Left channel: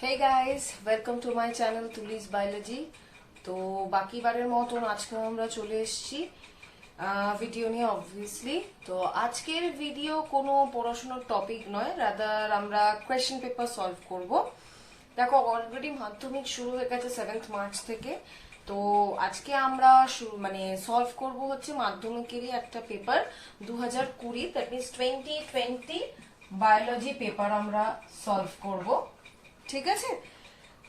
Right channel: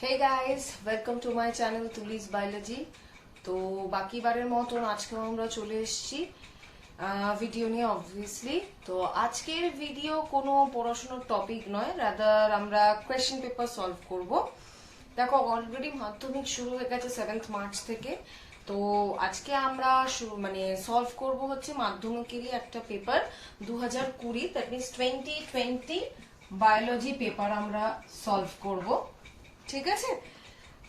Hey guys, welcome to my channel Tuli's Biology. তো বাকি বারের মতন আজকে আমরা চলে এসেছি ভিডিও নিয়ে অবভিয়াসলি। তো আজকের ভিডিও কোনো পড়াশোনার টপিক নয়, রাদার আমরা কোয়েশ্চেন পেপার সলভ করব। দেখো অলরেডি মাধ্যমিক শুরু হয়ে গেছে 7th মার্চ থেকে। তো আজকে আমরা মানে সলভ করব হচ্ছে মাধ্যমিকেরই একটা পেপার 2020, দ্যাট মিনস 2020 বায়োলজি পেপার আমরা সলভ করব। ঠিক আছে,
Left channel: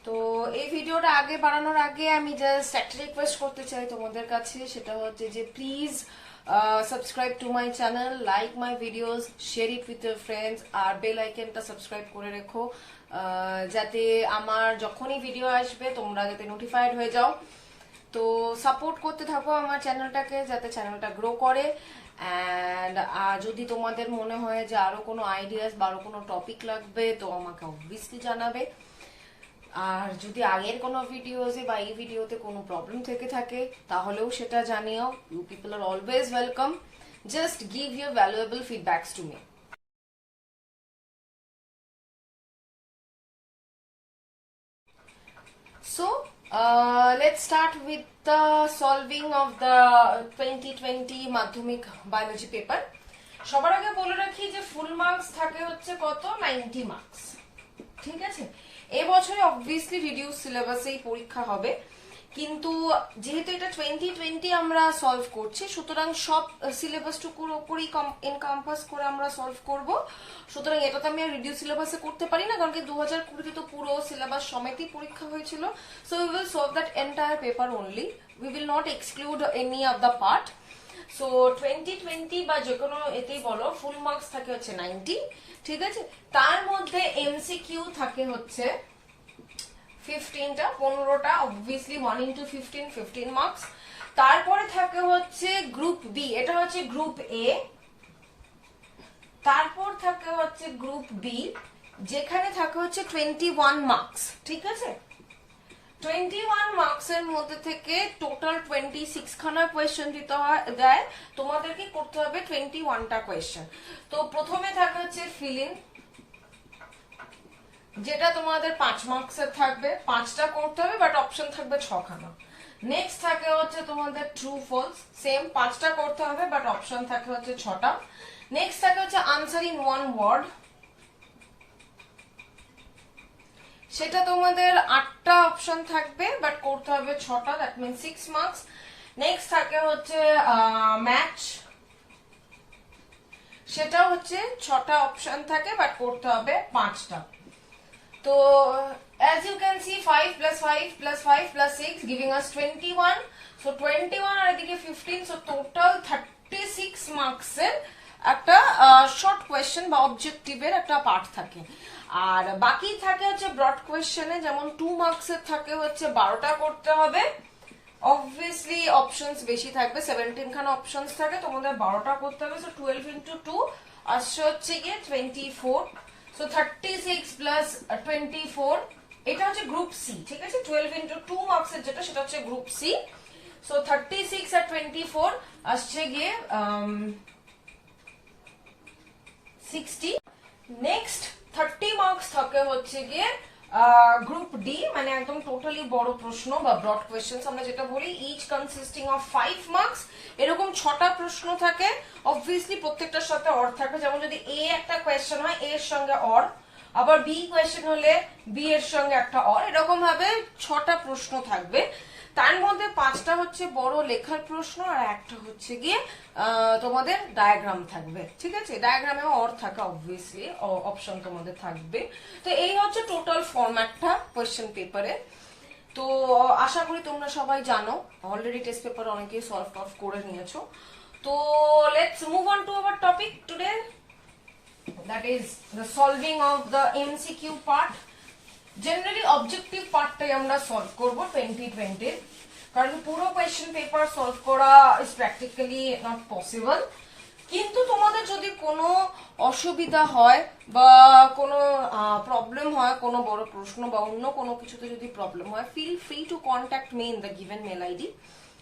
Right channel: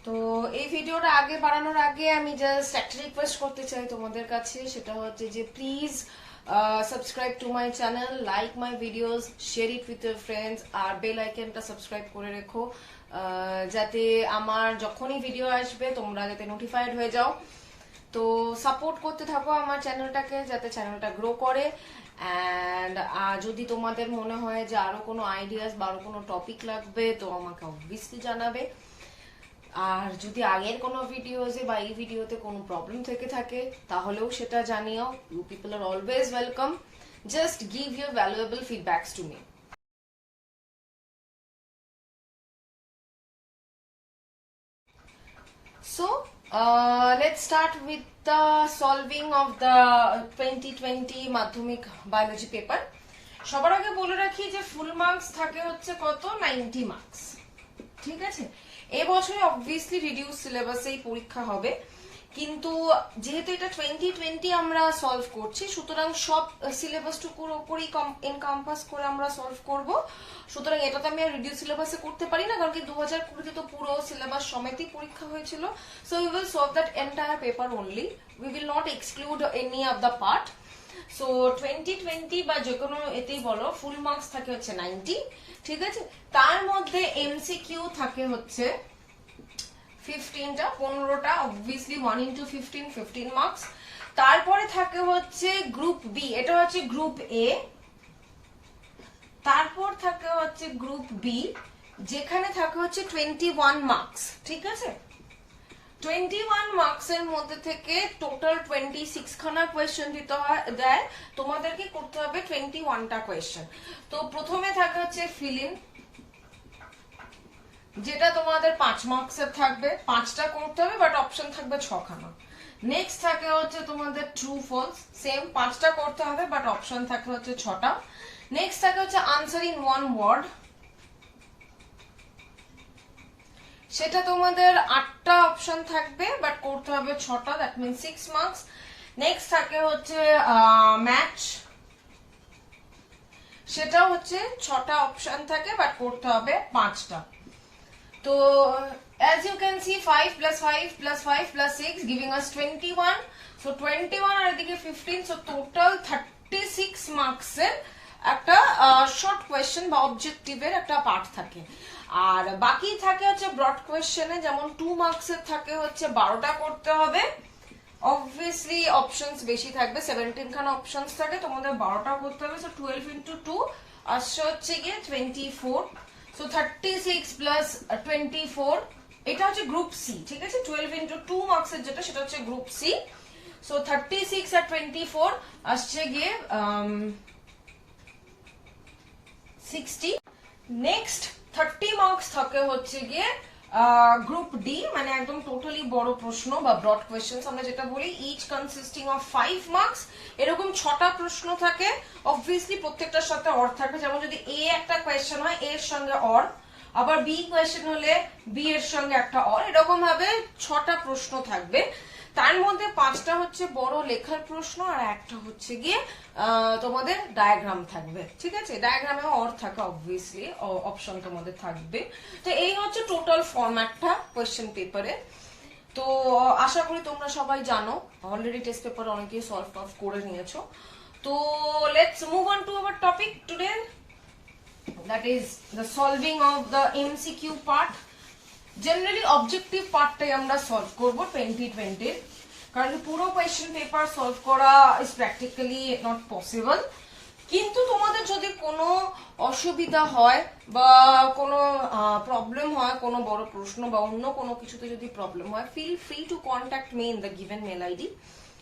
তো এই ভিডিওটা আগে বাড়ানোর আগে আমি জাস্ট একটা রিকোয়েস্ট করতে চাই তোমাদের কাছে, সেটা হচ্ছে যে please subscribe to my channel, like my videos, share it with your friends, আর বেল আইকনটা সাবস্ক্রাইব করে রেখো যাতে আমার যখনই ভিডিও আসবে তোমরা যাতে নোটিফাইড হয়ে যাও। তো সাপোর্ট করতে থাকো আমার চ্যানেলটাকে, যাতে চ্যানেলটা গ্রো করে। অ্যান্ড যদি তোমাদের মনে হয় যে আরো কোনো আইডিয়াস বা আরো কোনো টপিক লাগবে তো আমাকে অবভিয়াসলি জানাবে। আর যদি আগের কোনো ভিডিওতে বা এই ভিডিওতে কোনো প্রবলেম থেকে থাকে তাহলেও সেটা জানিও। You people are always welcome, just give your valuable feedbacks to me. So let's start with the solving of the 2020 Madhyamik biology paper. সবার আগে বলে রাখি যে ফুল মার্কস থাকে হচ্ছে কত, 90 মার্কস। ঠিক আছে, এবছরে অবভিয়াসলি রিডিউস সিলেবাসেই পরীক্ষা হবে, কিন্তু যেহেতু এটা 2020 আমরা সলভ করছি সুতরাং সব সিলেবাসটুকুর উপরই এনকাম্পাস করে আমরা সলভ করব। সুতরাং এটা তো আমি আর রিডিউস সিলেবাসে করতে পারি না, কারণ কি 2020 তো পুরো সিলেবাস সমেতই পরীক্ষা হয়েছিল। So we will solve that entire paper only, we will not exclude any of the part. So 2020 বা যে কোনো এতেই বলো ফুল মার্কস থাকে হচ্ছে 90। ঠিক আছে, তার মধ্যে এমসিকিউ থাকে হচ্ছে 15টা, 15টা অবভিয়াসলি 1 into 15, 15 মার্কস। তারপরে থাকে হচ্ছে গ্রুপ বি, এটা হচ্ছে গ্রুপ এ। তারপর থাকে হচ্ছে গ্রুপ বি, যেখানে থাকে হচ্ছে 21 মার্কস। ঠিক আছে, 21 মার্কসের মধ্যে থেকে টোটাল 26 খানা কোয়েশ্চেন দিতে দেয়, তোমাদেরকে করতে হবে 21টা কোয়েশ্চেন। তো প্রথমে থাকে হচ্ছে ফিল ইন, যেটা তোমাদের 5 মার্কসের থাকবে, 5টা করতে হবে, বাট অপশন থাকবে 6 খানা। নেক্সট থাকে হচ্ছে তোমাদের ট্রু ফলস, সেম 5টা করতে হবে, বাট অপশন থাকে হচ্ছে 6টা। নেক্সট থাকে হচ্ছে আনসার ইন ওয়ান ওয়ার্ড, সেটা তোমাদের 8টা অপশন থাকবে, বাট করতে হবে 6টা, দ্যাট মিনস 6 মার্কস। নেক্সট থাকে হচ্ছে ম্যাচ, সেটাও হচ্ছে 6টা অপশন থাকে, বাট করতে হবে 5টা। তো as you can see 5 plus 5 plus 5 plus 6 giving us 21. So 21 আর এদিকে 15, so total 36 মার্কস এর একটা শর্ট কোয়েশ্চেন বা অবজেক্টিভের একটা পার্ট থাকে। আর বাকি থাকে হচ্ছে ব্রড কোয়েশ্চেনে, যেমন 2 মার্কসের থাকে হচ্ছে 12টা করতে হবে। অবভিয়াসলি অপশনস বেশি থাকবে, 17 খানা অপশনস থাকে, তোমাদের 12টা করতে হবে। সো 12 into 2 আসছে হচ্ছে গিয়ে 24। So 36 plus 24, এটা হচ্ছে গ্রুপ সি। ঠিক আছে, 12 into 2 মার্কসের যেটা সেটা হচ্ছে গ্রুপ সি। সো 36 আর 24 আসছে গিয়ে 60। নেক্সট 30 মার্কস থাকে হচ্ছে গিয়ে গ্রুপ ডি, মানে একদম টোটালি বড় প্রশ্ন বা ব্রড কোয়েশ্চেন্স আমরা যেটা বলি, ইচ কনসিস্টিং অফ 5 মার্কস। এরকম 6টা প্রশ্ন থাকে, অবভিয়াসলি প্রত্যেকটার সাথে অর থাকবে। যেমন যদি এ একটা কোয়েশ্চেন হয়, এ এর সঙ্গে অর, আবার বি কোয়েশ্চেন হলে বি এর সঙ্গে একটা অর, এরকম ভাবে 6টা প্রশ্ন থাকবে। তার মধ্যে 5টা হচ্ছে বড় লেখার প্রশ্ন, আর একটা হচ্ছে গিয়ে তোমাদের ডায়াগ্রাম থাকবে। ঠিক আছে, ডায়াগ্রামে অর থাকে, অবভিয়াসলি অপশন তোমাদের থাকবে। তো এই হচ্ছে টোটাল ফরম্যাটটা কোয়েশ্চেন পেপারে। তো আশা করি তোমরা সবাই জানো, অলরেডি টেস্ট পেপার অনেকেই সলভ অফ করে নিয়েছো। তো let's move on to our topic today, that is the solving of the MCQ part. Generally objective পার্টটাই আমরা সলভ করবো 2020, কারণ পুরো কোয়েশ্চেন পেপার সলভ করা ইজ প্র্যাকটিক্যালি নট পসিবল। কিন্তু তোমাদের যদি কোনো অসুবিধা হয় বা কোনো প্রবলেম হয়, কোনো বড় প্রশ্ন বা অন্য কোনো কিছুতে যদি প্রবলেম হয়, feel free to contact me in the given mail ID.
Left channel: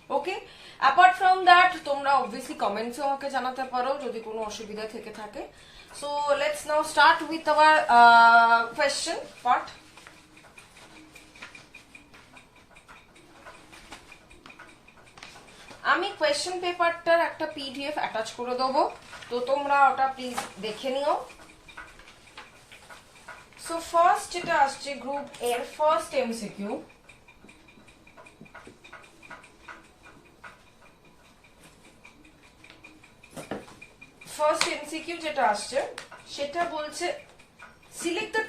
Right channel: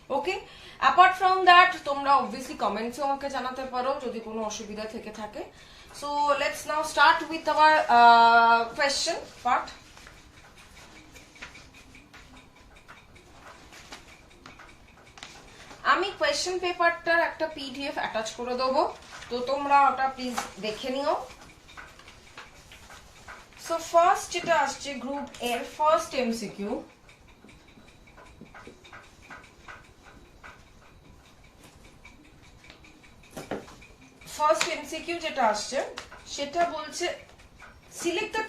Okay, apart from that তোমরা অবভিয়াসলি কমেন্টসে আমাকে জানাতে পারো যদি কোনো অসুবিধা থেকে থাকে। So let's now start with our question part. আমি কোয়েশ্চেন পেপারটার একটা পিডিএফ অ্যাটাচ করে দেবো, তো তোমরা ওটা প্লিজ দেখে নিও। সো ফার্স্ট যেটা আসছে গ্রুপ এর ফার্স্ট এমসিকিউ, যেটা আসছে সেটা বলছে সিলেক্ট দ্য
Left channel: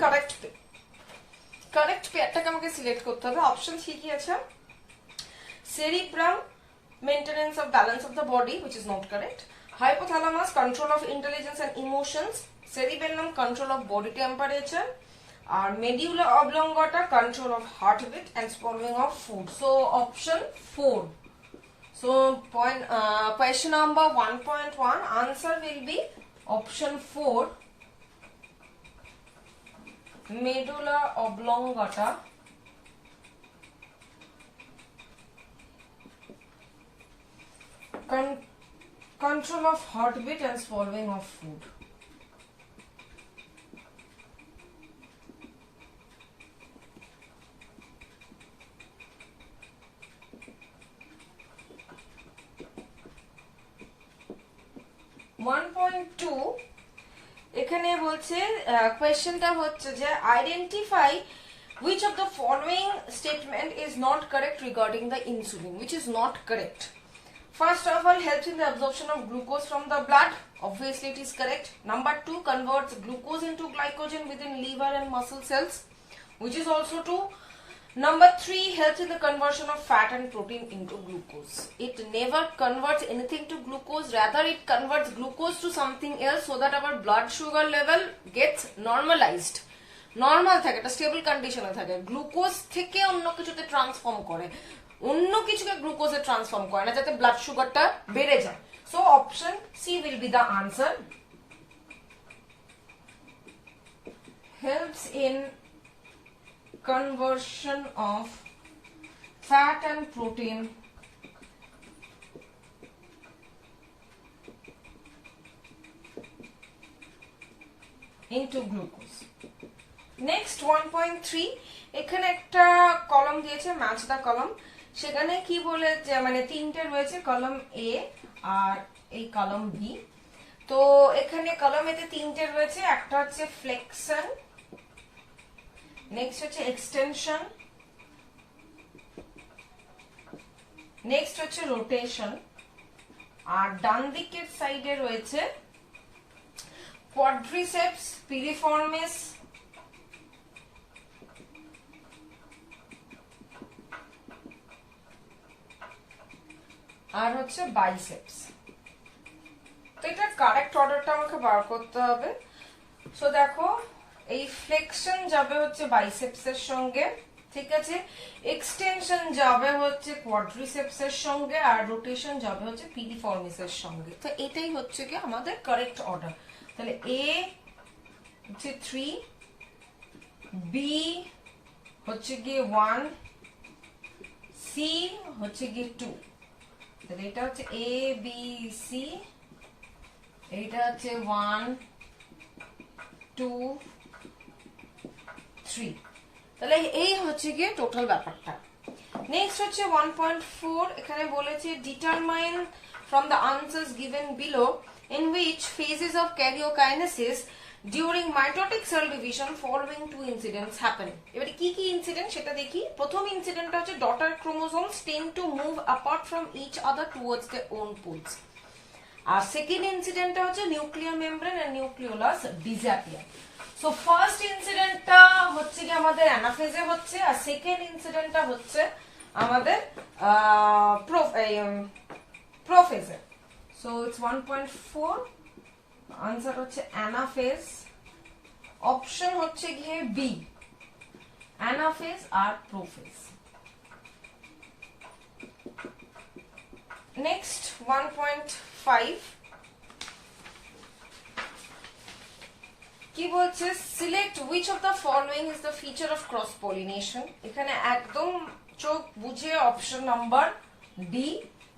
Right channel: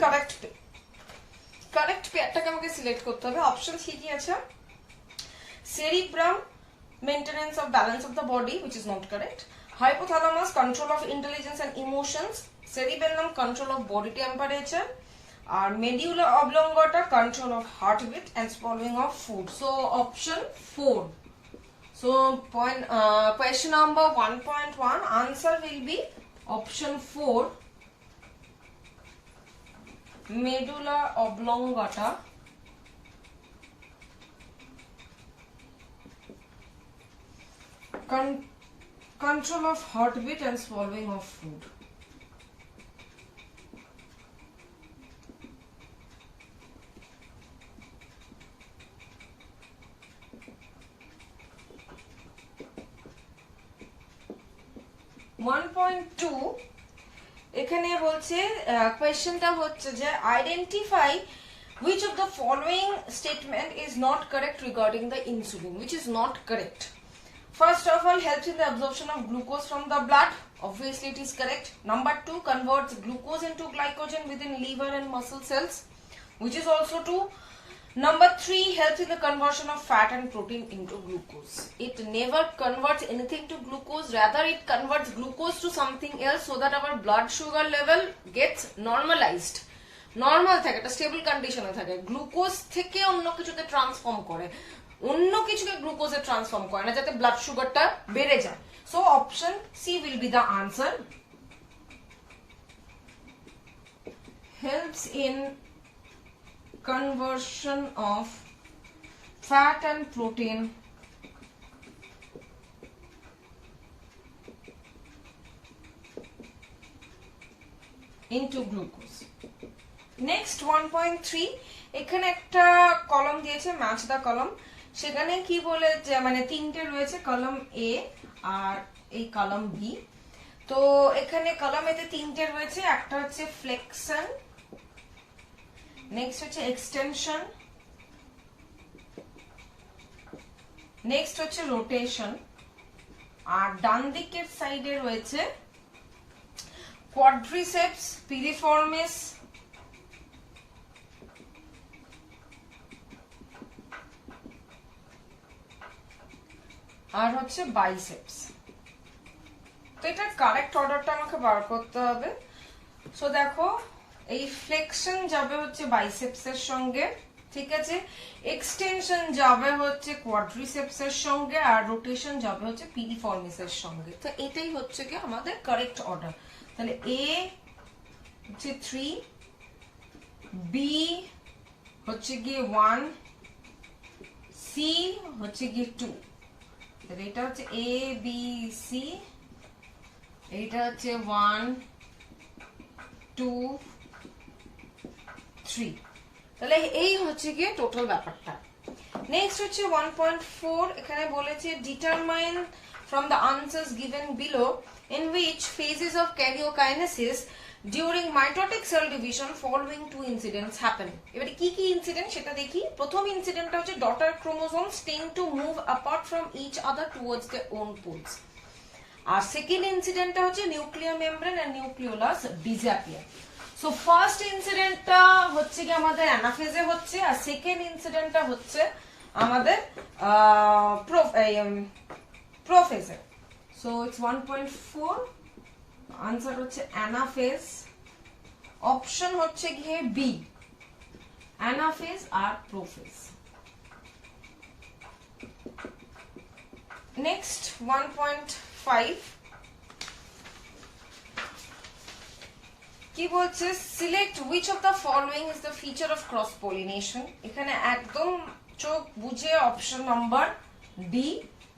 কারেক্ট পেয়ারটাকে আমাকে সিলেক্ট করতে হবে। অপশন কি কি আছে? Cerebrum, maintenance of balance of the body, which is not correct. Hypothalamus, control of intelligence and emotions. Cerebellum, control of body temperature. Medulla oblongata, control of heartbeat and swallowing of food. So option 4. So question number 1.1 answer will be option 4, medulla oblongata, control of heartbeat and swallowing of food. এখানে বলছে কোয়েশ্চেনটা হচ্ছে যে identify which of the following statement is not correct regarding the insulin, which is not correct. First of all, helps in the absorption of glucose from the blood. Obviously, it is correct. Number 2, converts glucose into glycogen within liver and muscle cells, which is also true. Number 3, helps in the conversion of fat and protein into glucose. It never converts anything to glucose. Rather, it converts glucose to something else so that our blood sugar level gets normalized. Normal থাকে, একটা স্টেবল কন্ডিশনে থাকে। গ্লুকোজ থেকে অন্য কিছুতে ট্রান্সফর্ম করে, অন্য কিছুকে গ্লুকোজে ট্রান্সফর্ম করে না, যাতে ব্লাড সুগারটা বেড়ে যায়। So option C will be the answer. Helps in conversion of fat and protein into glucose. Next 1.3, এখানে একটা কলাম দিয়েছে ম্যাচ দা কলাম, সেখানে কি বলে যে মানে তিনটে রয়েছে, কলাম এ আর এই কলাম বি। তো এখানে কলাম এতে তিনটে রয়েছে, একটা হচ্ছে ফ্লেক্সন, নেক্সট হচ্ছে এক্সটেনশন, নেক্সট হচ্ছে রোটেশন, আর ডান দিকের সাইডে রয়েছে কোয়াড্রিসেপস, পিরিফর্মিস, আর হচ্ছে বাইসেপস। তো এটা কারেক্ট অর্ডারটা আমাকে বার করতে হবে। সো দেখো, এই ফ্লেক্সন যাবে হচ্ছে বাইসেপস এর সঙ্গে, ঠিক আছে, এক্সটেনশন যাবে হচ্ছে কোয়াড্রিসেপস এর সঙ্গে, আর রোটেশন যাবে হচ্ছে পিরিফর্মিস এর সঙ্গে। তো এটাই হচ্ছে কি আমাদের কারেক্ট অর্ডার। তাহলে এ হচ্ছে 3, বি হচ্ছে গিয়ে 1, সি হচ্ছে গিয়ে 2। তাহলে এটা হচ্ছে এ বি সি, এটা হচ্ছে 1 2 3। তাহলে এই হচ্ছে গিয়ে টোটাল ব্যাপারটা। নেক্সট হচ্ছে 1.4, এখানে বলেছে determine from the answers given below in which phases of karyokinesis during mitotic cell division following two incidents happen. এবারে কি কি ইনসিডেন্ট সেটা দেখি। প্রথম ইনসিডেন্টটা হচ্ছে daughter chromosomes tend to move apart from each other towards their own poles. আর second ইনসিডেন্টটা হচ্ছে nuclear membrane and nucleolus disappear. So first ইনসিডেন্টটা হচ্ছে কি আমাদের অ্যানাফেজে হচ্ছে, আর সেকেন্ড ইনসিডেন্টটা হচ্ছে আমাদের প্রোফেজে। সো ইটস 1.4, আনসার হচ্ছে অ্যানাফেজ। অপশন হচ্ছে গিয়ে বি, অ্যানাফেজ আর প্রোফেজ। নেক্সট 1.5, কি বলছে select which of the following is the feature of cross pollination. এখানে একদম চোখ বুঝে অপশন নাম্বার ডি,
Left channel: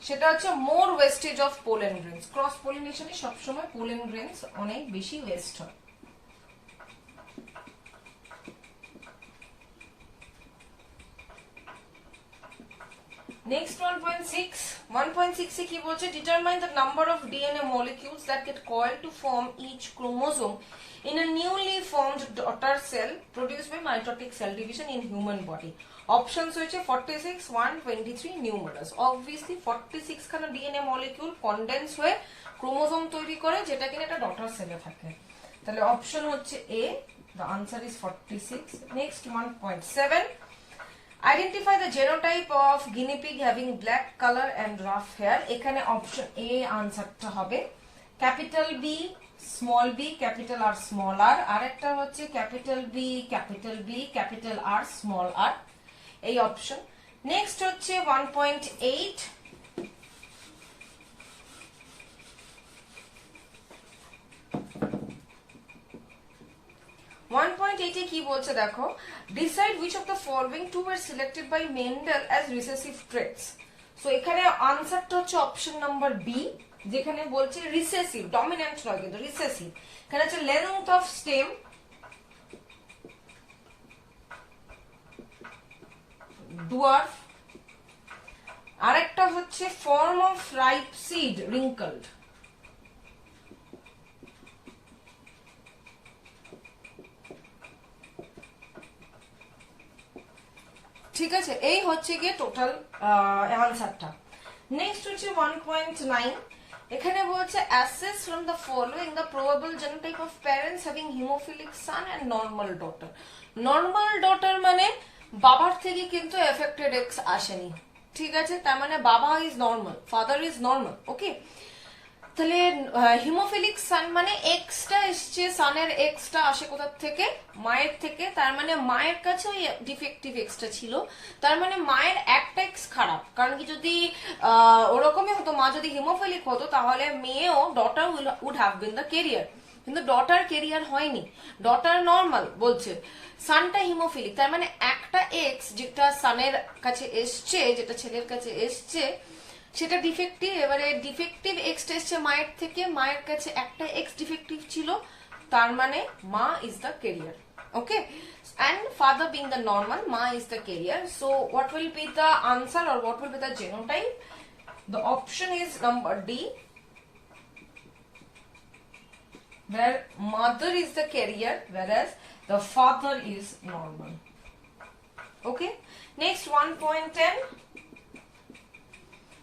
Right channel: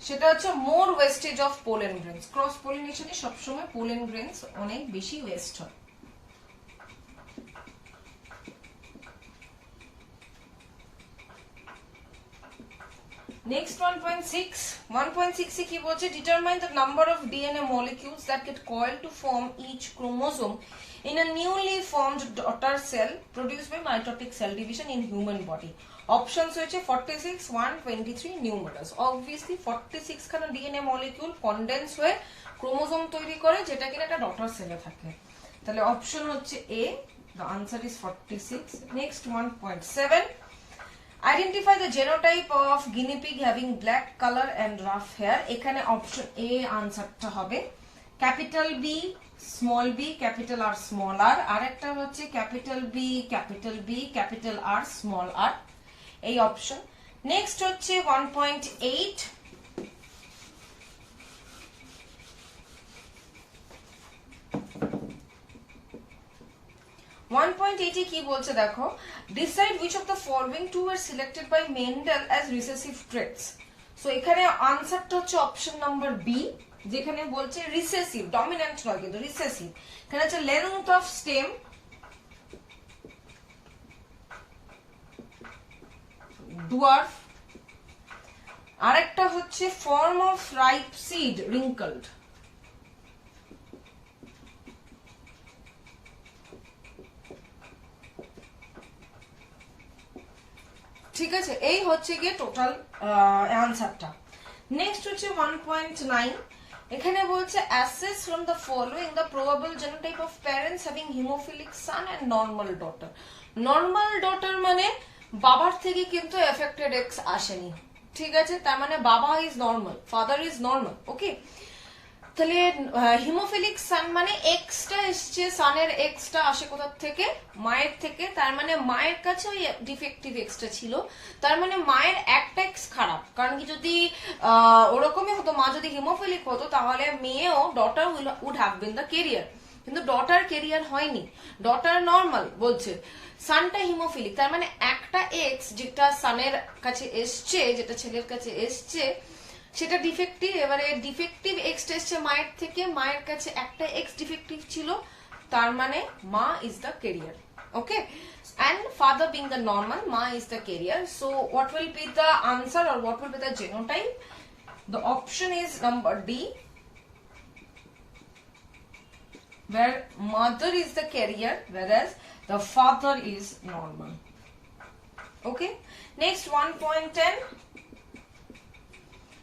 সেটা হচ্ছে more wastage of pollen grains. Cross পলিনেশনে সবসময় পোলেন গ্রেনস অনেক বেশি ওয়েস্ট হয়। Next 1.6 এ কি বলছে, determine the number of DNA molecules that get coiled to form each chromosome in a newly formed daughter cell produced by mitotic cell division in human body. Options হয়েছে 46, 123, numerous. Obviously 46 খানা DNA molecule condense হয়ে ক্রোমোজোম তৈরি করে, যেটা কিনা একটা ডটার সেলে থাকে। তাহলে অপশন হচ্ছে A, the answer is 46. Next 1.7, identify the genotype of guinea pig having black color and rough hair. এখানে অপশন A আনসারটা হবে। Capital B, small b, capital R, small r, আর একটা হচ্ছে capital B, capital R, small r, এই option. Next হচ্ছে 1.8, কি বলছে দেখো, decide which of the following two were selected by Mendel as recessive traits. So এখানে আনসারটা হচ্ছে অপশন নাম্বার বি, যেখানে বলছে রিসেসিভ, ডমিন্যান্ট নয় কিন্তু রিসেসিভ। এখানে হচ্ছে লেন্থ অফ স্টেম, ডুয়ার্ফ, আরেকটা হচ্ছে ফর্ম অফ রাইপ সিড, রিঙ্কলড। ঠিক আছে, এই হচ্ছে গিয়ে টোটাল অ্যান্সারটা। নেক্সট হচ্ছে 1.9, এখানে বলছে assess from the following the probable genotype of parents having hemophilic son and normal daughter. Normal daughter মানে বাবার থেকে কিন্তু এফেক্টেড এক্স আসেনি, ঠিক আছে, তার মানে বাবা is normal, father is normal, okay. তাহলে হিমোফিলিক সান মানে এক্সটা এসছে, সানের এক্সটা আসে কোথা থেকে, মায়ের থেকে, তার মানে মায়ের কাছে ওই ডিফেক্টিভ এক্সটা ছিল, তার মানে মায়ের একটা এক্স খারাপ। কারণ কি যদি ওরকমই হতো, মা যদি হিমোফিলিক হতো তাহলে মেয়েও daughter would have been the carrier, কিন্তু ডটার কেরিয়ার হয়নি, ডটার নর্মাল বলছে, সানটা হিমোফিলিক, তার মানে একটা এক্স যেটা সানের কাছে এসছে, যেটা ছেলের কাছে এসছে সেটা ডিফেক্টিভ। এবারে ডিফেক্টিভ এক্স এসছে মায়ের থেকে, মায়ের কাছে একটা এক্স ডিফেক্টিভ ছিল, তার মানে মা is the career, okay, and father being the normal, ma is the carrier. So what will be the answer or what will be the genotype? The option is number D, where mother is the carrier whereas the father is normal, okay. Next 1.10,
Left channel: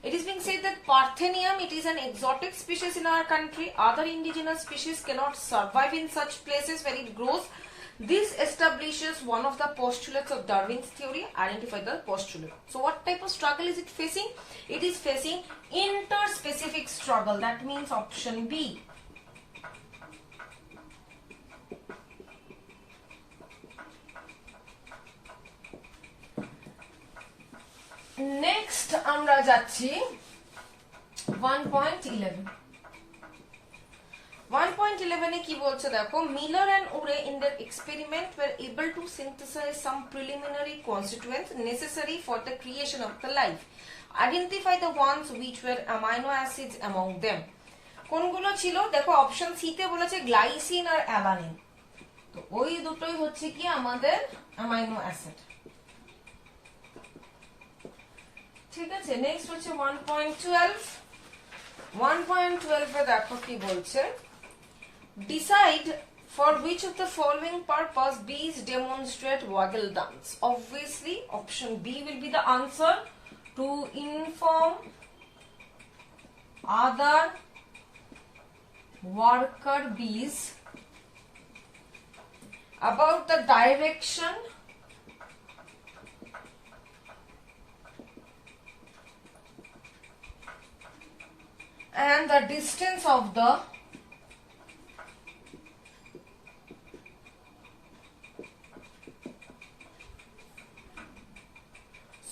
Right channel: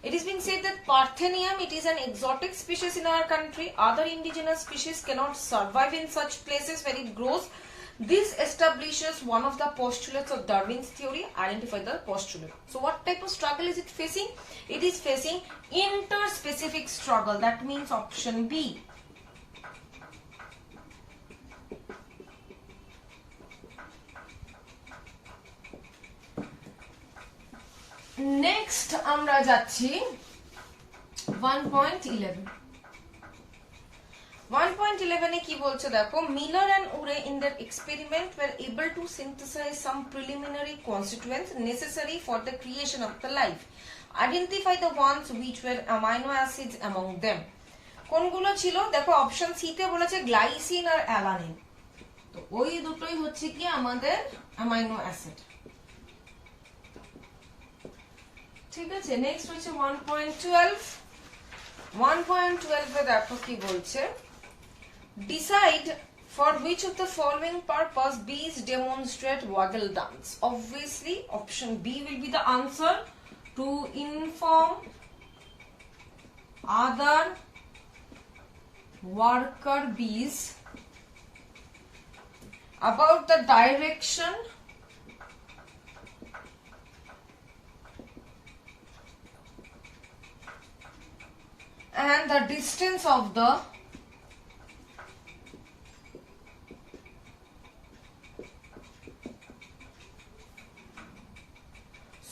it is being said that Parthenium, it is an exotic species in our country. Other indigenous species cannot survive in such places where it grows. This establishes one of the postulates of Darwin's theory. Identify the postulate. So what type of struggle is it facing? It is facing interspecific struggle. That means option B. Next আমরা যাচ্ছি 1.11। 1.11 এ কি বলছে দেখো, Miller and Urey in their experiment were able to synthesise some preliminary constituents necessary for the creation of the life. Identify the ones which were amino acids among them. কোনগুলো ছিল দেখো, option C তে বলেছে গ্লাইসিন আর অ্যালানিন, তো ওই দুটোই হচ্ছে কি আমাদের অ্যামাইনো অ্যাসিড, ঠিক আছে। নেক্সট হচ্ছে 1.12। 1.12 এ দেখো কি বলছে, decide for which of the following purpose bees demonstrate waggle dance. Obviously option B will be the answer, to inform other worker bees about the direction and the distance of the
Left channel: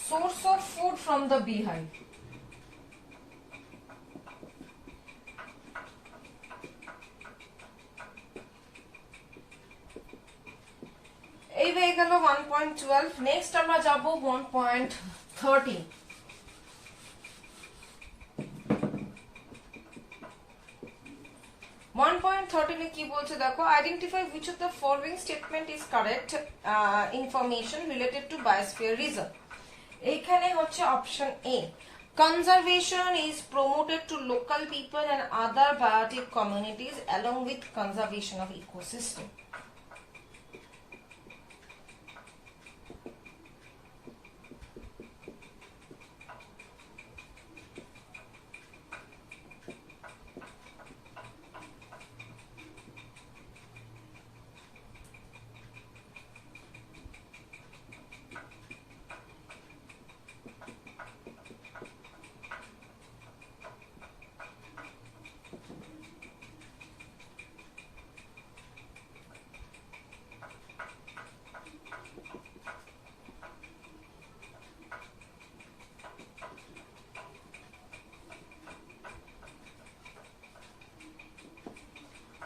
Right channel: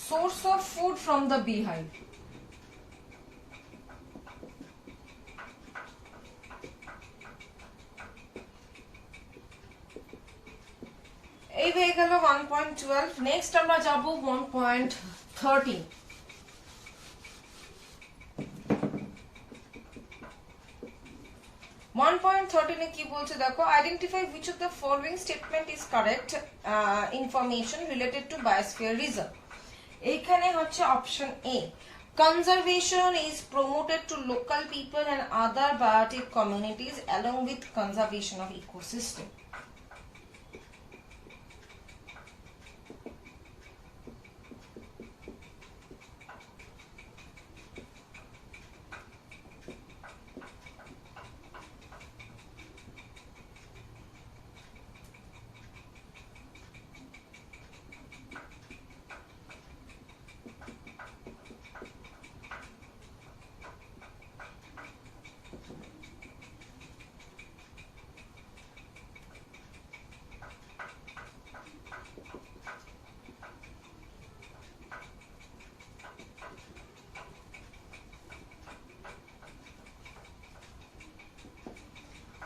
source of food from the beehive. এই হয়ে গেল 1.12। নেক্সট আমরা যাব 1.13। 1.13 এ কি বলছে দেখো, identify which of the following statement is correct information related to biosphere reserve. এইখানে হচ্ছে option A, conservation is promoted to local people and other biotic communities along with conservation of ecosystem.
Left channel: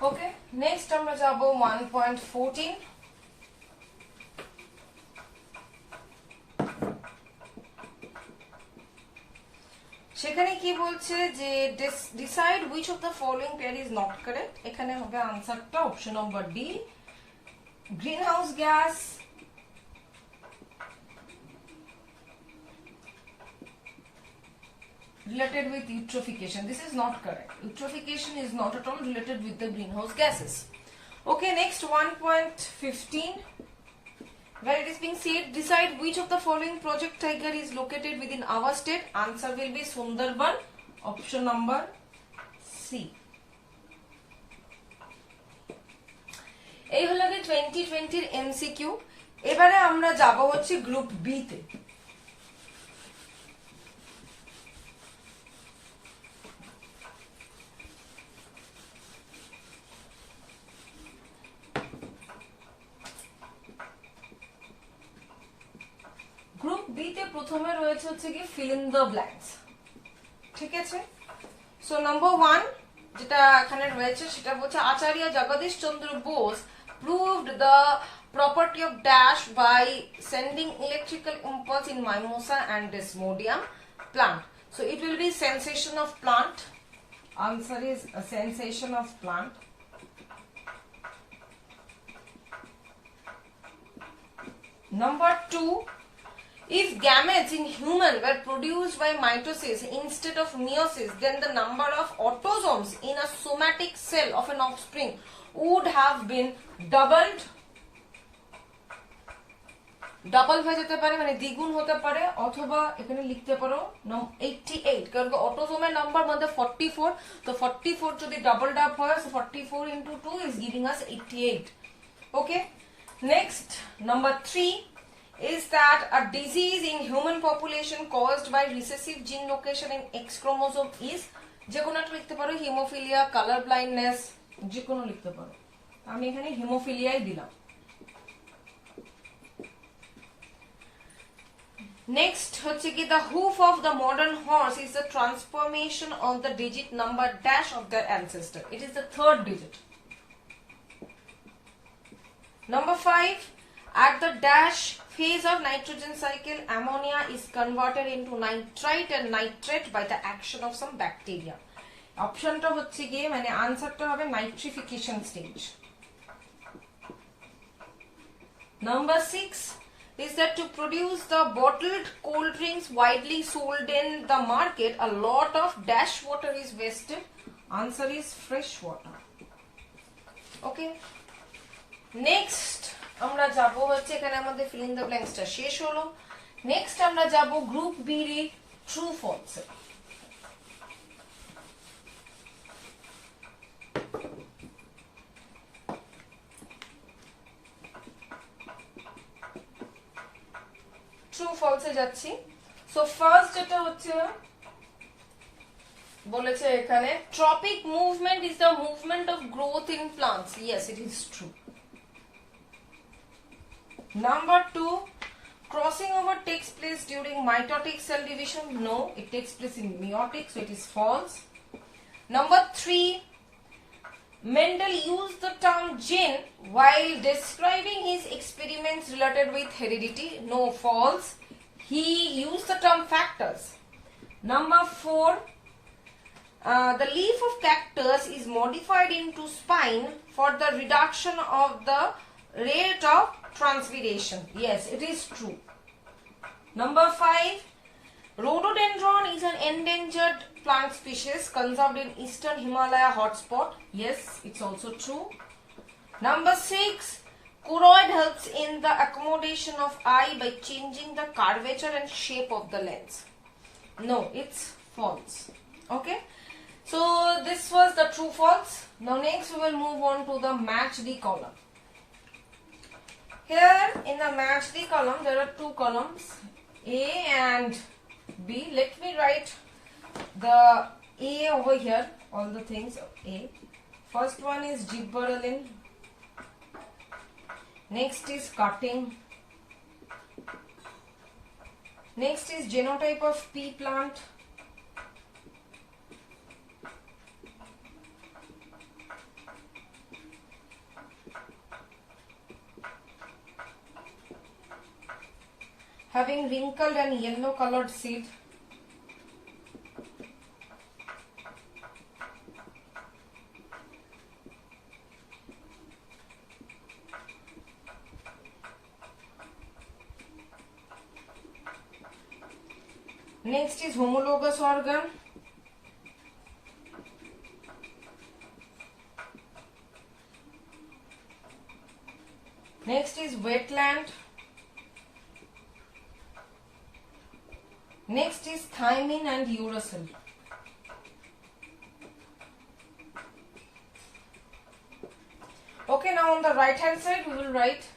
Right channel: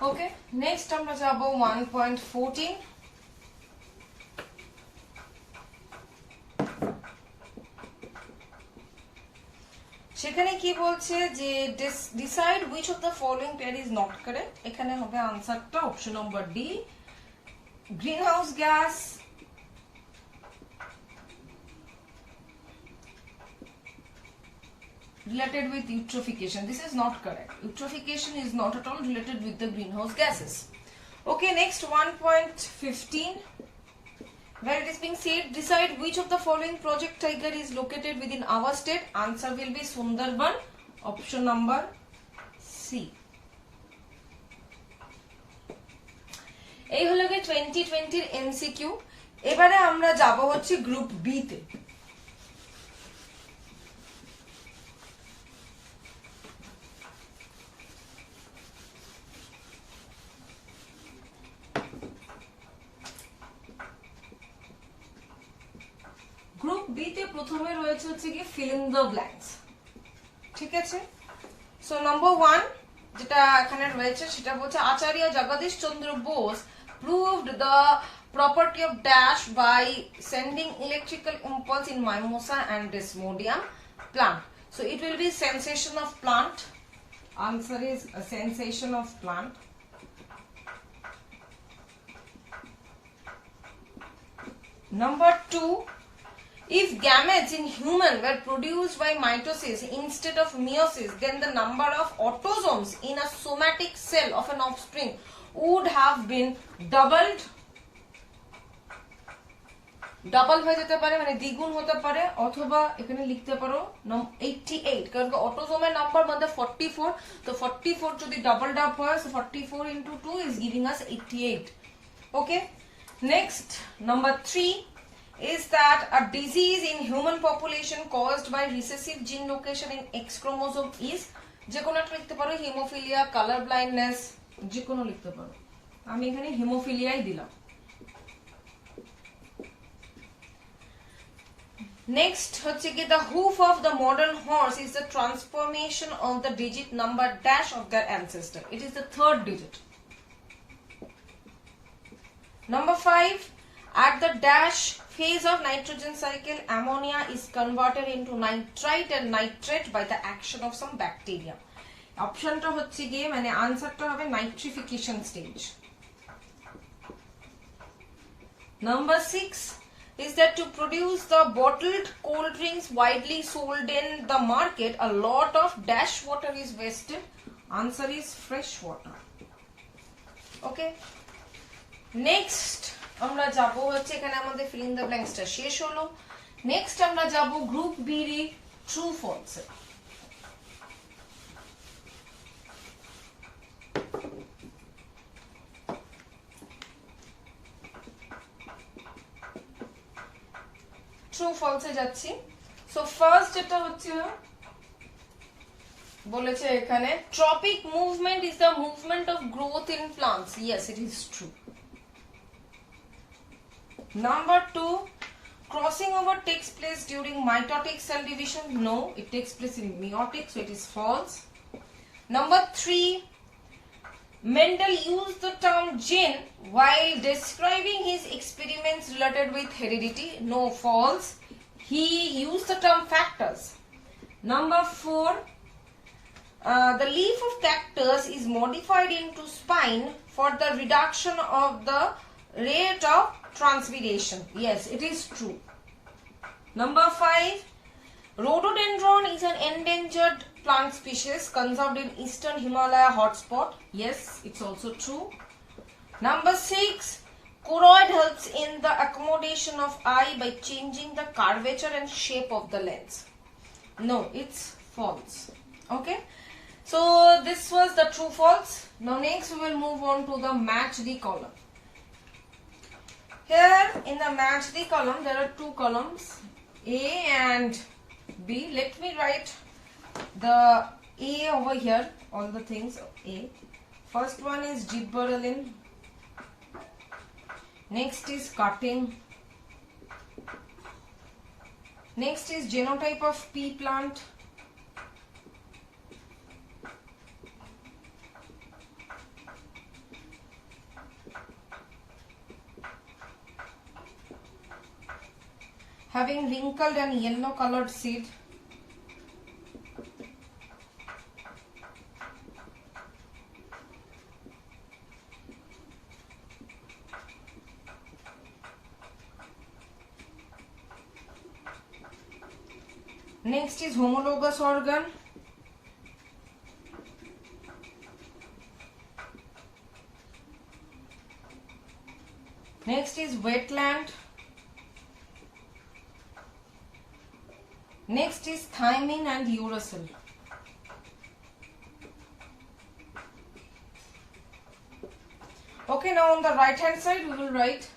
ওকে, নেক্সট আমরা যাব 1.14। সেখানে কি বলছে যে decide which of the following pair is not correct. এখানে হবে আনসারটা option number D, green house gas related with eutrophication. This is not correct. Eutrophication is not at all related with the greenhouse gases. Okay, next 1.15, where it is being said decide which of the following project tiger is located within our state. Answer will be Sundarban, option number C. এই হলো গিয়ে 2020 এর এমসিকিউ। এবারে আমরা যাব হচ্ছে group B তে। Group B তে প্রথমে রয়েছে হচ্ছে কি ফিল ইন দ্য ব্ল্যাঙ্কস, ঠিক আছে। সো নাম্বার 1 যেটা এখানে রয়েছে সেটা বলছে আচার্য জগদীশ চন্দ্র Bose proved the property of dash by sending electrical impulse in mimosa and desmodium plant. So it will be sensation of plant. Answer is a sensation of plant. Number 2, if gametes in human were produced by mitosis instead of meiosis, then the number of autosomes in a somatic cell of an offspring would have been doubled. Double হয়ে যেতে পারে, মানে দ্বিগুণ হতে পারে, অথবা এখানে লিখতে পারো 88, কারণ অটোসোমের নাম্বার মধ্যে 44, তো 44 যদি ডাবল ডাব হয়, so 44 into 2 is giving us 88. Okay, next number 3 is that a disease in human population caused by recessive gene location in X chromosome is, যে কোনো একটা লিখতে পারো, হিমোফিলিয়া, কালার ব্লাইন্ডনেস, যে কোনো লিখতে পারো। আমি এখানে হিমোফিলিয়াই দিলাম। নেক্সট হচ্ছে কি the hoof of the modern horse is the transformation of the digit number dash of their ancestor. It is the third digit. Number 5, at the dash phase of nitrogen cycle, ammonia is converted into nitrite and nitrate by the action of some bacteria. অপশনটা হচ্ছে গিয়ে মানে আনসারটা হবে nitrification stage. Number 6 is that to produce the bottled cold drinks widely sold in the market, a lot of dash water is wasted. Answer is fresh water. Okay, next আমরা যাব হচ্ছে, এখানে আমাদের ফিল ইন দ্য ব্ল্যাঙ্কসটা শেষ হলো। Next আমরা যাব গ্রুপ বি এর ট্রু ফলস। ট্রু ফলসে যাচ্ছি। সো ফার্স্ট যেটা হচ্ছে বলেছে এখানে tropic movement is the movement of growth in plants. Yes, it is true. Number 2, crossing over takes place during mitotic cell division. No, it takes place in meiotic, so it is false. Number 3, Mendel used the term gene while describing his experiments related with heredity. No, false. He used the term factors. Number 4, the leaf of cactus is modified into spine for the reduction of the rate of transpiration. Yes, it is true. Number 5, rhododendron is an endangered plant species conserved in eastern Himalaya hotspot. Yes, it's also true. Number 6, choroid helps in the accommodation of eye by changing the curvature and shape of the lens. No, it's false. Okay. So this was the true false. Now next we will move on to the match the column. Here in the match the column there are two columns, A and B. Let me write the A over here, all the things A. First one is gibberellin. Next is cutting. Next is genotype of pea plant. Having wrinkled and yellow colored seed. Next is homologous organ. Next is wetland. Next is thymine and uracil. Okay, now on the right hand side we will write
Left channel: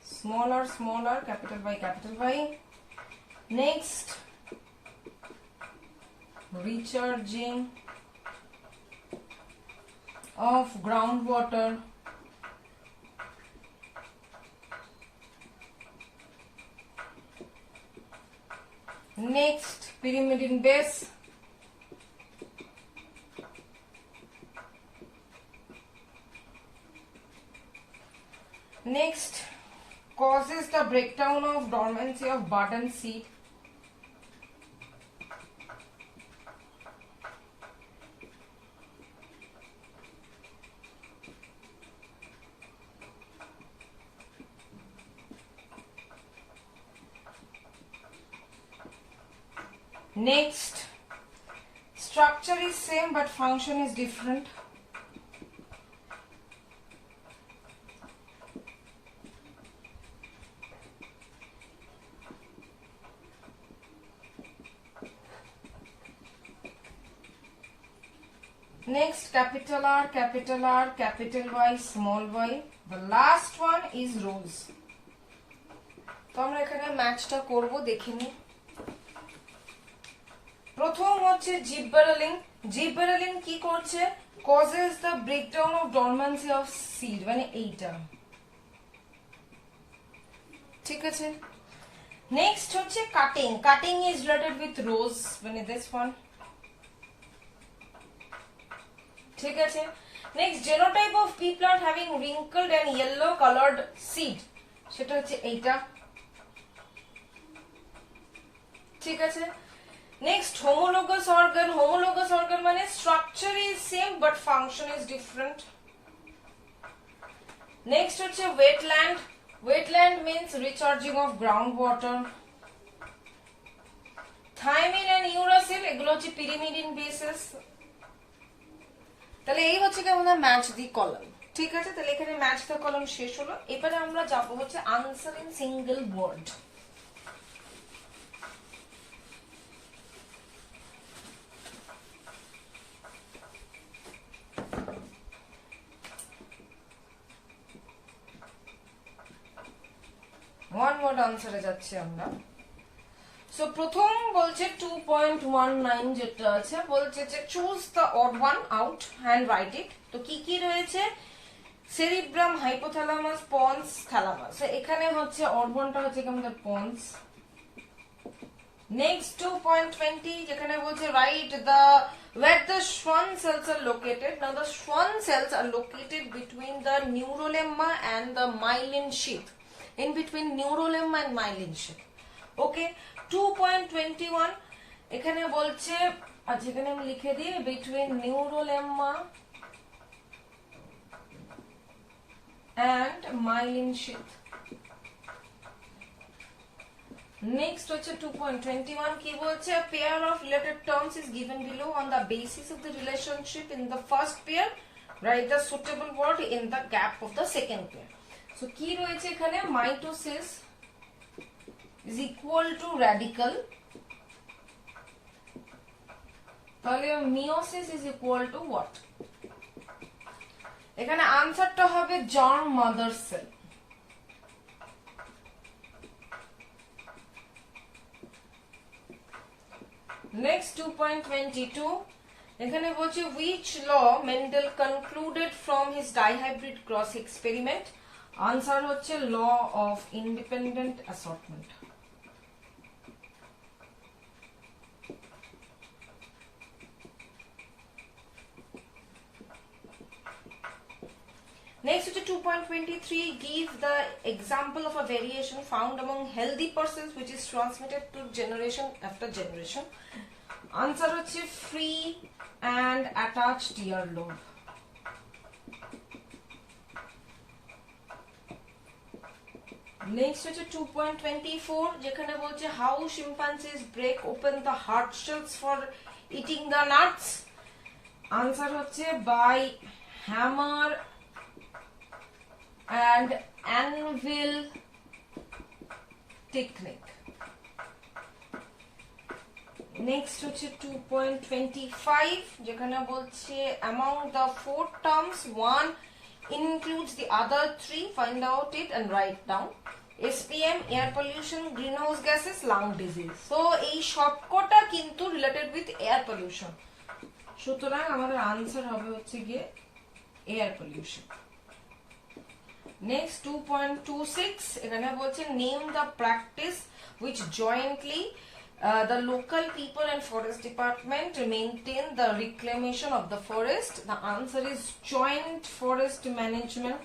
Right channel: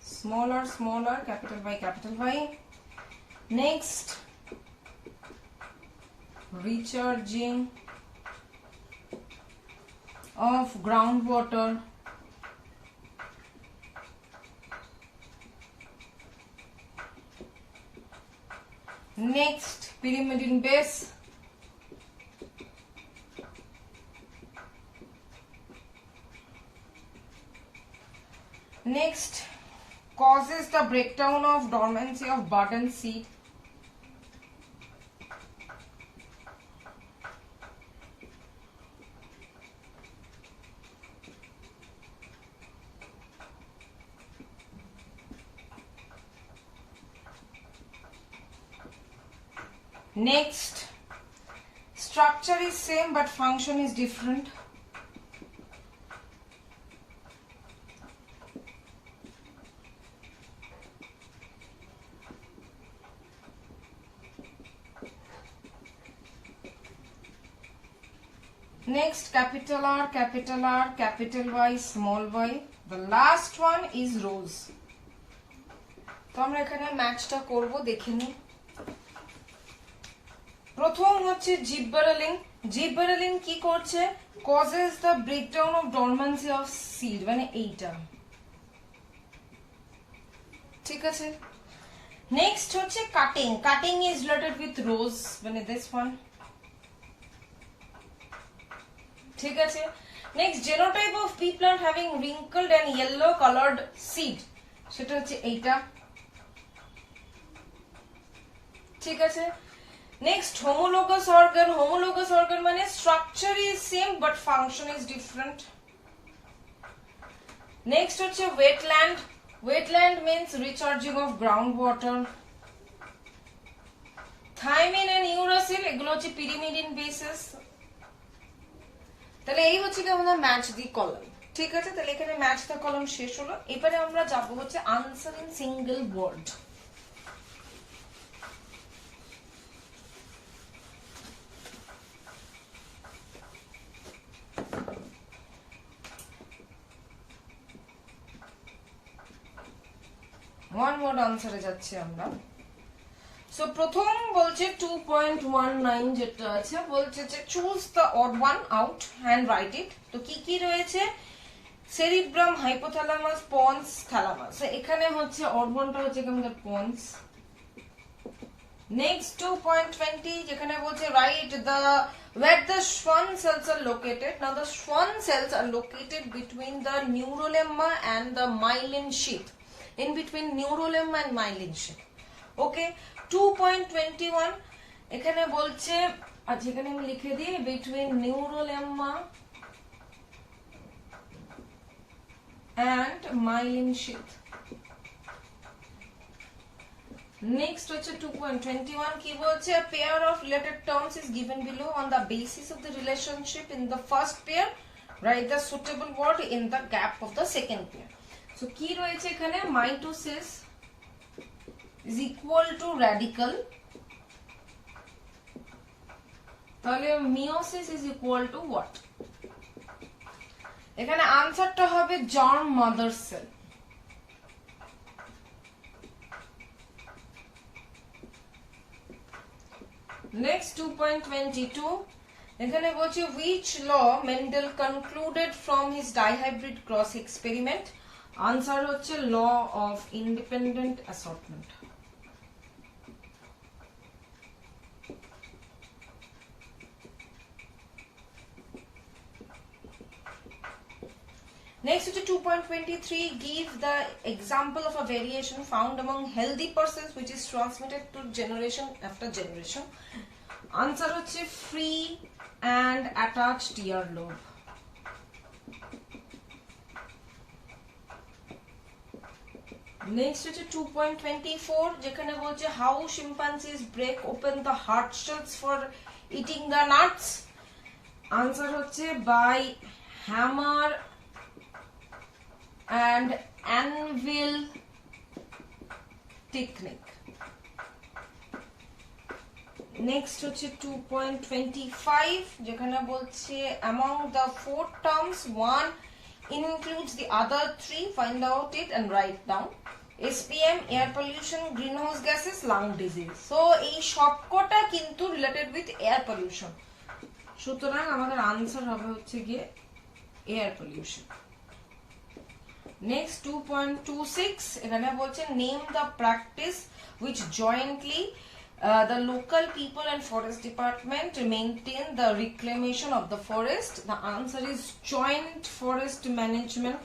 smaller, capital Y. Next, recharging of groundwater. Next, pyrimidine base. Next, causes the breakdown of dormancy of bud and seed. Next, structure is same but function is different. Next, capital R, capital Y, small y. The last one is rose. তো আমরা এখানে ম্যাচটা করব, দেখে নিই। প্রথম হচ্ছে জিব্বারেলিন। জিব্বারেলিন কি করছে? causes the breakdown of dormancy of seed, মানে এইটা, ঠিক আছে। নেক্সট হচ্ছে cutting. Cutting is related with rose, মানে দিস ওয়ান, ঠিক আছে। Next, genotype of P plant having wrinkled and yellow colored seed, সেটা হচ্ছে এইটা, ঠিক আছে। Next, homologous organ. Homologous organ মানে structure is same but function is different. Next হচ্ছে wetland. Wetland means recharging of groundwater. Thymine and uracil, এগুলো হচ্ছে pyrimidine bases. তাহলে এই হচ্ছে কি আমাদের ম্যাচ দি কলাম, ঠিক আছে। তাহলে এখানে ম্যাচ দি কলাম শেষ হলো। এবারে আমরা যাব হচ্ছে answer in single word. One word আনসারে যাচ্ছি আমরা। সো প্রথম বলছে 2.19 যেটা আছে, বলছে যে choose the odd one out and write it. তো কি কি রয়েছে? Cerebrum, hypothalamus, pons, thalamus. এখানে হচ্ছে অড ওয়ানটা হচ্ছে আমাদের পন্স। নেক্সট 2.20 যেখানে বলছে write the where the Schwann cells are located. Now the Schwann cells are located between the neurolemma and the myelin sheath. In between neurolemma and myelin sheath. Okay. 2.21 এখানে বলছে, আচ্ছা এখানে আমি লিখে দিই, between neurolemma and myelin sheath. Next হচ্ছে 2.21 কি বলছে, a pair of related terms is given below on the basis of the relationship in the first pair, write the suitable word in the gap of the second pair. So কি রয়েছে এখানে, mitosis is equal to radical, তাহলে meiosis is equal to what? এখানে আনসারটা হবে germ mother cell. Next 2.22 এখানে বলছে which law Mendel concluded from his dihybrid cross experiment? Answer হচ্ছে law of independent assortment. Next to 2.23, give the example of a variation found among healthy persons which is transmitted to generation after generation. Answer হচ্ছে free and attached earlobe. Next হচ্ছে 2.24 যেখানে বলছে how chimpanzees break open the hard shells for eating the nuts. Answer হচ্ছে by hammer and anvil technique. Next হচ্ছে 2.25 যেখানে বলছে among the four terms one includes the other three, find out it and write down. SPM, air pollution, greenhouse gases, lung disease. So এই সবকটা কিন্তু related with air pollution. সুতরাং আমাদের আনসার হবে হচ্ছে গিয়ে air pollution. Next 2.26 এখানে বলছে name the practice which jointly the local people and forest department maintain the reclamation of the forest. The answer is joint forest management.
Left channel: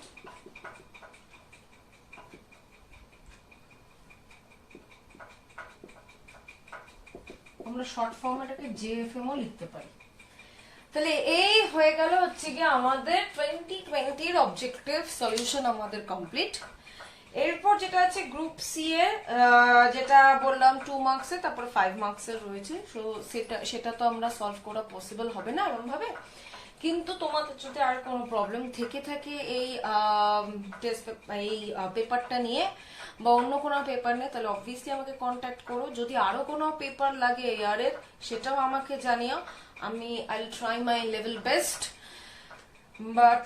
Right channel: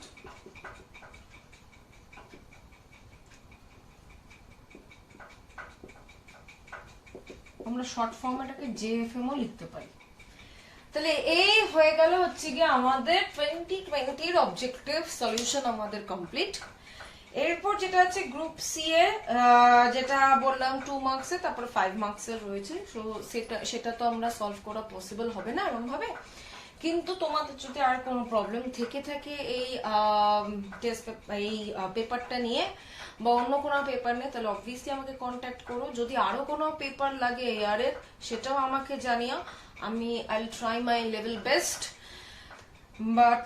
আমরা শর্ট ফর্ম এটাকে জেএফএম ও লিখতে পারি। তাহলে এই হয়ে গেল হচ্ছে গিয়ে আমাদের 2020 এর অবজেক্টিভ সলিউশন আমাদের কমপ্লিট। এরপর যেটা আছে গ্রুপ সি এ, যেটা বললাম 2 মার্কস এর, তারপরে 5 মার্কস এর রয়েছে। সো সেটা তো আমরা সলভ করা পসিবল হবে না এরকম ভাবে, কিন্তু তোমাদের যদি আর কোনো প্রবলেম থেকে থাকে এই পেপারটা নিয়ে বা অন্য কোনো পেপার নিয়ে, তাহলে অবভিয়াসলি আমাকে কন্ট্যাক্ট করো। যদি আরো কোনো পেপার লাগে এই ইয়ারের সেটাও আমাকে জানিও, I'll try my level best. But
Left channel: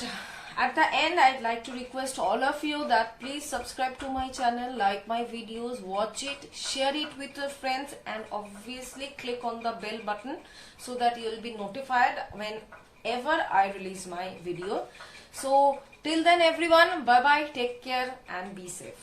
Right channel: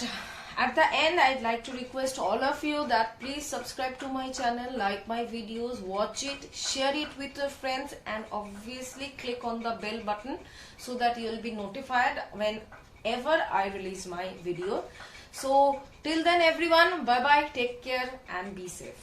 at the end I'd like to request all of you that please subscribe to my channel, like my videos, watch it, share it with your friends, and obviously click on the bell button so that you will be notified whenever I release my video. So till then everyone, bye bye, take care and be safe.